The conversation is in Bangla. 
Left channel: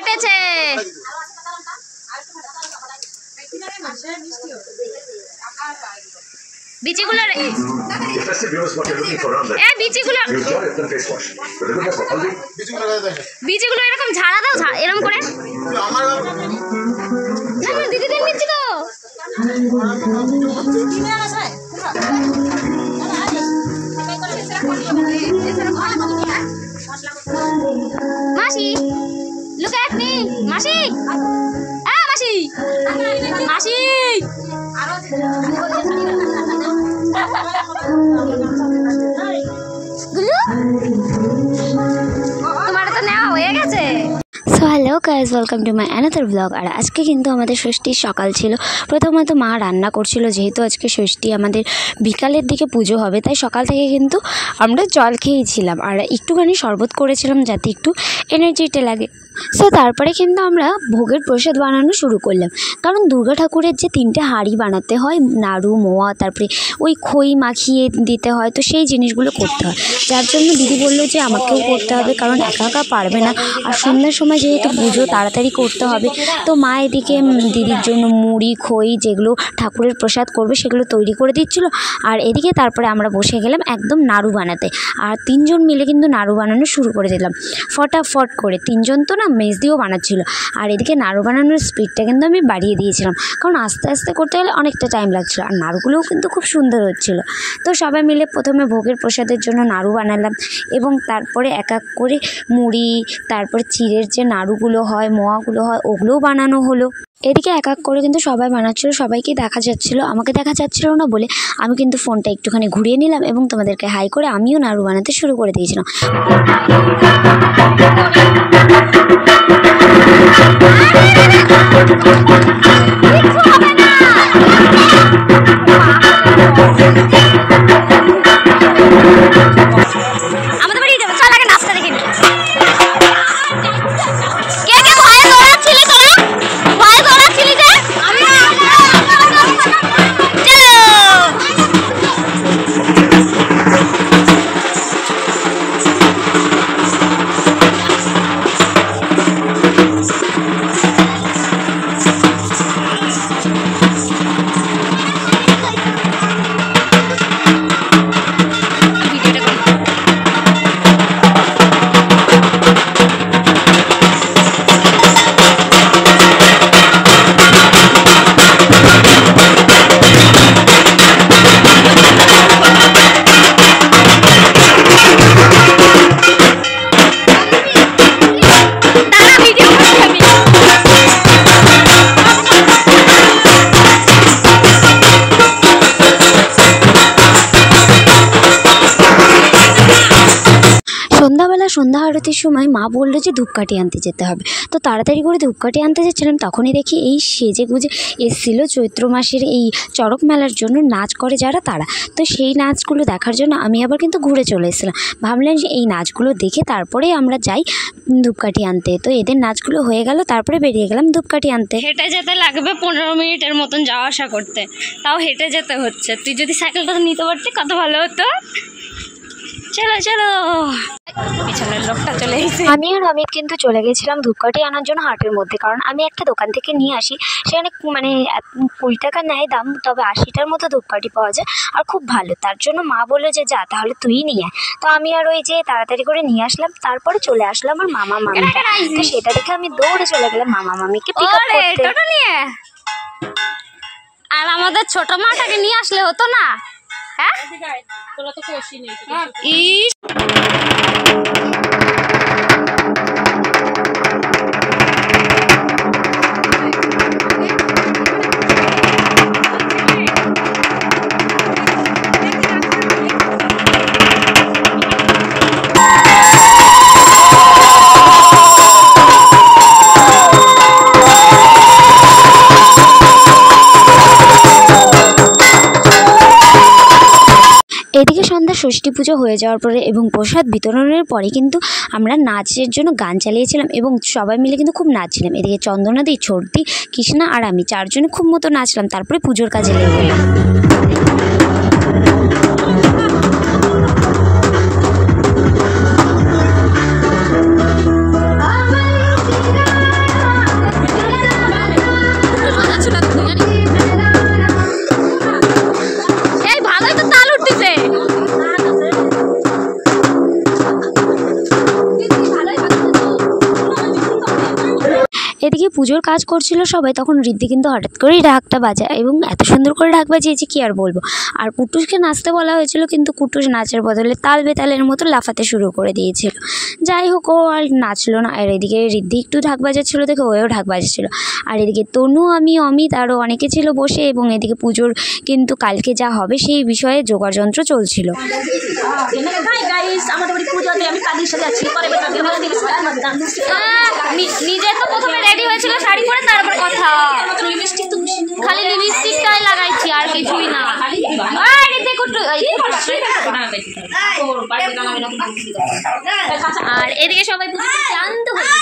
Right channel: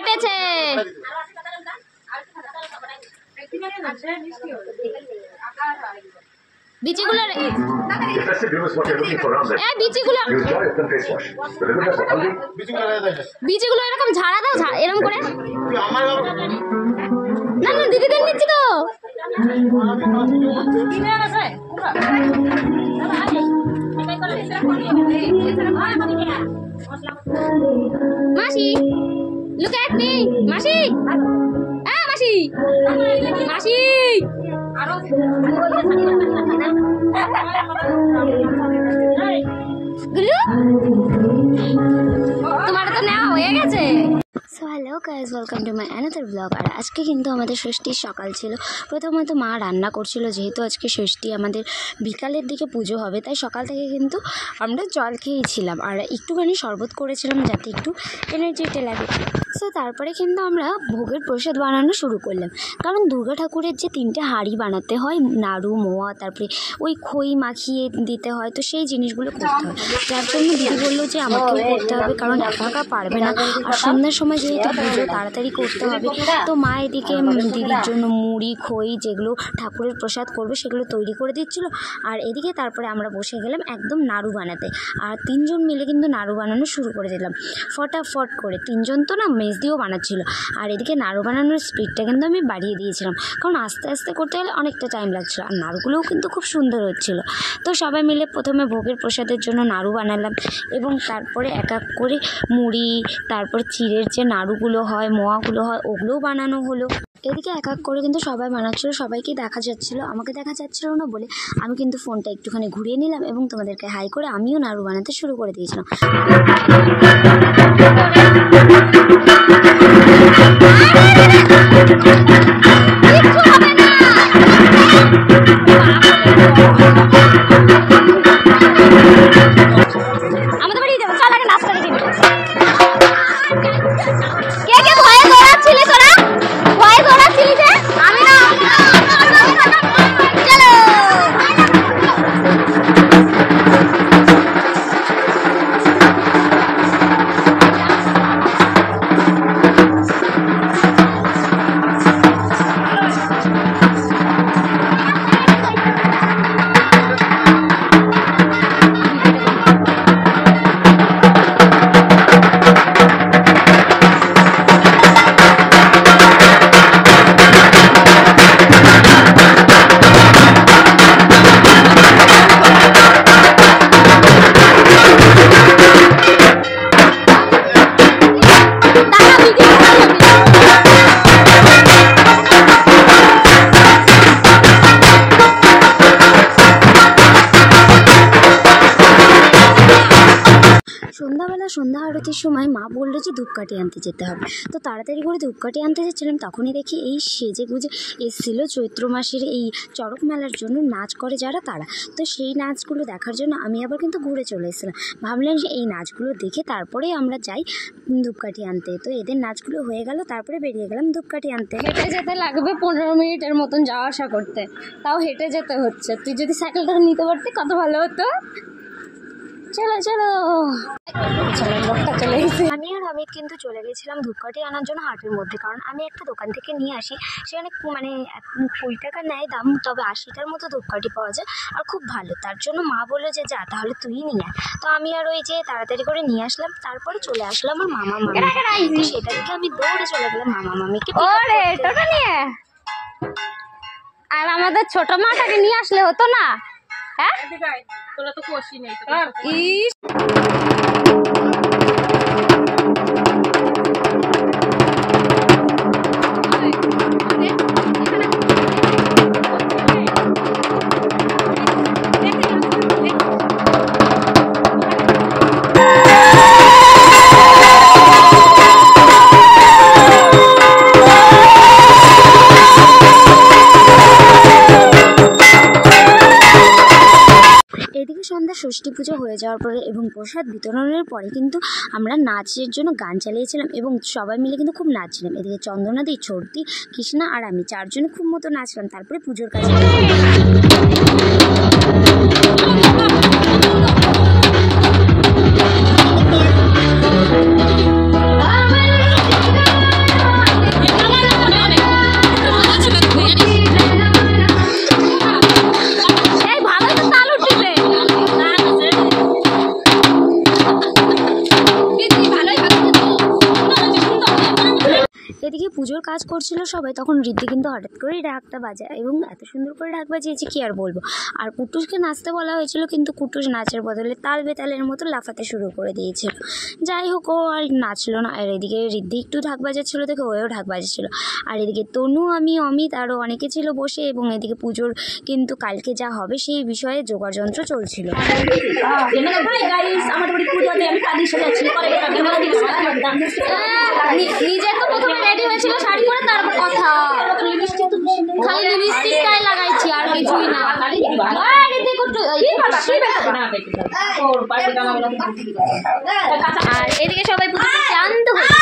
ফেটেছে। বিচিগুলো বিচিগুলো এরকম ঝাড়া দাও, এরকম করে দিদিদের নিচ্ছি তো। মাসি look at me, মাসি মাসি মাসি গুলু তোমার তো নেওয়া হয়ে গেছে। So hello guys, welcome to my another blog. আর আজকে কিন্তু আমাদের ষষ্ঠীর সকাল ছিল। প্রথমত মা রান্না করছিল, যেহেতু আজকে ষষ্ঠী আমাদের বিকালের দিকে পুজো হবে, তাই সকাল থেকে কিন্তু আমরা জল খেয়েছিলাম আর একটুখানি শরবত করেছিলাম যাতে একটু এনার্জিটা লাগে। সো তারপরে কিন্তু আমরা ভোগের প্রসাদ বানানো শুরু করলাম, কারণ দুর্গা ঠাকুরের যে 3টে হাঁড়ি বানাতে হয়, নাড়ু মোয়া তারপরে ওই খই মাখিয়ে দিতে হয়, তো সেই জিনিসগুলো করতে হয়। যার জন্য দিদি বললো যে আমাকেও করতে হবে, কারণ একা একা পারবে না। আর সন্ধ্যার সময় যেহেতু পুজো তাড়াতাড়ি করতে হবে, তো মা এদিকে দিদির জন্য মুড়ি খই যেগুলো ঠাকুরের প্রসাদ করবে সেগুলো তৈরি করে দিচ্ছিলো। আর এদিকে তারপরে আমরা বসে গেলাম একদম নাড়ু বানাতে। আর 3জন মিলে কিন্তু নাড়ু বানানো শুরু করে দিলাম ফটাফট করে। 3জন তো না, মেজ দিয়েও বানাচ্ছিলো। আর এদিকে নাড়ু বানানোর স্পিডটা কিন্তু আমি বাড়িয়ে দিয়েছিলাম, কারণ আস্তে আস্তে করতে গেলে অনেকটা টাইম লাগছিলো। আর নাড়ুগুলোও কিন্তু খুব সুন্দর হচ্ছিলো। তো সবাই মিলে প্রথমে ভোগের প্রসাদের জন্য নাড়ু বানালাম, এবং তারপরে এক এক করে মুড়ি, তারপরে চিড়ের যে নাড়ুগুলো হয়, মোয়াগুলো হয়, ওগুলোও বানানো হলো। এদিকে এক এক করে কিন্তু সবাই বানাচ্ছিলো, সবাইকে দেখা যাচ্ছিলো, আমাকে দেখা যাচ্ছিলো না বলে আমি কিন্তু ফোনটা একটুখানি ঘুরিয়ে নিলাম এবং তোমাদেরকে হাই করে আমিও নাড়ু বানাতে শুরু করে দিয়েছিলাম। আমাদের বাড়ি যাবো, চল আগে নাস্তা দেখে নি। কে কে ভয়ে দৌড়াচ্ছিলি তোরা? ভয়ে দৌড়াচ্ছিলি যে? আমি না, চলো। সন্ধ্যা আরতির সময় মা বললো যে ধূপকাঠি আনতে যেতে হবে। তো তাড়াতাড়ি করে ধূপকাঠি আনতে যাচ্ছিলাম, তখনই দেখি এই সেজে গুজে এসেছিল চৈত্র মাসের এই চড়ক মেলার জন্য নাচ করে যারা, তারা। তো সেই নাচগুলো দেখার জন্য আমি আবার কিন্তু ঘুরে চলে এসেছিলাম। ভাবলাম যে এই নাচগুলো দেখে তারপরেই আমরা যাই ধূপকাঠি আনতে। তো এদের নাচগুলো হয়ে গেল, তারপরে বেরিয়ে গেলাম ধূপকাঠি আনতে। হেঁটে যেতে লাগবে 15 মিনিটের মতন যাওয়া আসা করতে, তাও হেঁটে যেতে হচ্ছে। তুই যদি সাইকেলটা নিতে পারতি কত ভালো হতো। চলো চলো, পিছনের লোকটা চলে এসেছে। আমি আর অমিত কিন্তু চলে গেছিলাম ধূপকাঠি আনার জন্য হাটের মধ্যে, কারণ আমি একটা দোকান থেকে নিয়ে আসি, সেখানে মানে 20 টাকা নেয় দাম, তবে 80টার মতো ধূপকাঠি পাওয়া যায় আর খুব ভালো। তার জন্য মা বললো যে যা তাহলে তুই নিয়ে আয়। তো আমি আর ওই যে তাড়াতাড়ি করে নিয়ে আসলাম, তারপরে চলে আসলাম আমার মামা মামি। তো সেটা দেখে আমি দৌড়ে চলে গেলাম মামা মামিকে পিক আপ করতে। টোটো নিয়ে আর আমাদের ছোট মাটাকে নিয়ে আসলে হতো না? হ্যাঁ, তোরা তো কোশি নেই। এদিকে সন্ধ্যা ষষ্ঠী পুজো হয়ে যাওয়ার পরে এবং প্রসাদ বিতরণের পরে কিন্তু আমরা নাচের জন্য গান চালিয়েছিলাম এবং সবাই মিলে কিন্তু খুব নাচছিলাম। এদিকে চন্দনাদি, ছোটদি, কৃষ্ণা আর আমি 4 জনে খুব মতো নাচলাম। তারপরে পুজোর কাজে পুজোর কাজ করছিল সবাই, তখন ঋদ্ধি কিন্তু হঠাৎ করেই ঢাকটা বাজায় এবং এত সুন্দর করে ঢাক বাজিয়েছে কি আর বলবো। আর কুটুসকে নাচতে বলা হয়েছিল, কিন্তু কুটুস নাচের বদলে তাল বেতালের মতো লাফাতে শুরু করে দিয়েছিল। যাই হোক, ও আর নাচলো না। আর এদিকে ঋদ্ধি একটু ঢাক বাজাচ্ছিলো দেখে ওও ঢাক বাজাচ্ছিল। আর এদিকে তনু, আমি, অমিত আরও অনেকে ছিল বসে, এবং এদিকে পুজোর কিন্তু কালকে যা হবে সেই বিষয়ে জোগাড় যন্ত্র চলছিল। নিজে তো প্রথমে রেডি হয়েছিল শাড়ি পরে, তারপর কথা খালি লিপস্টিকটাই লাগাইছি আর কিছুই না। আর এদিকে সবাই ক্লান্ত হয়ে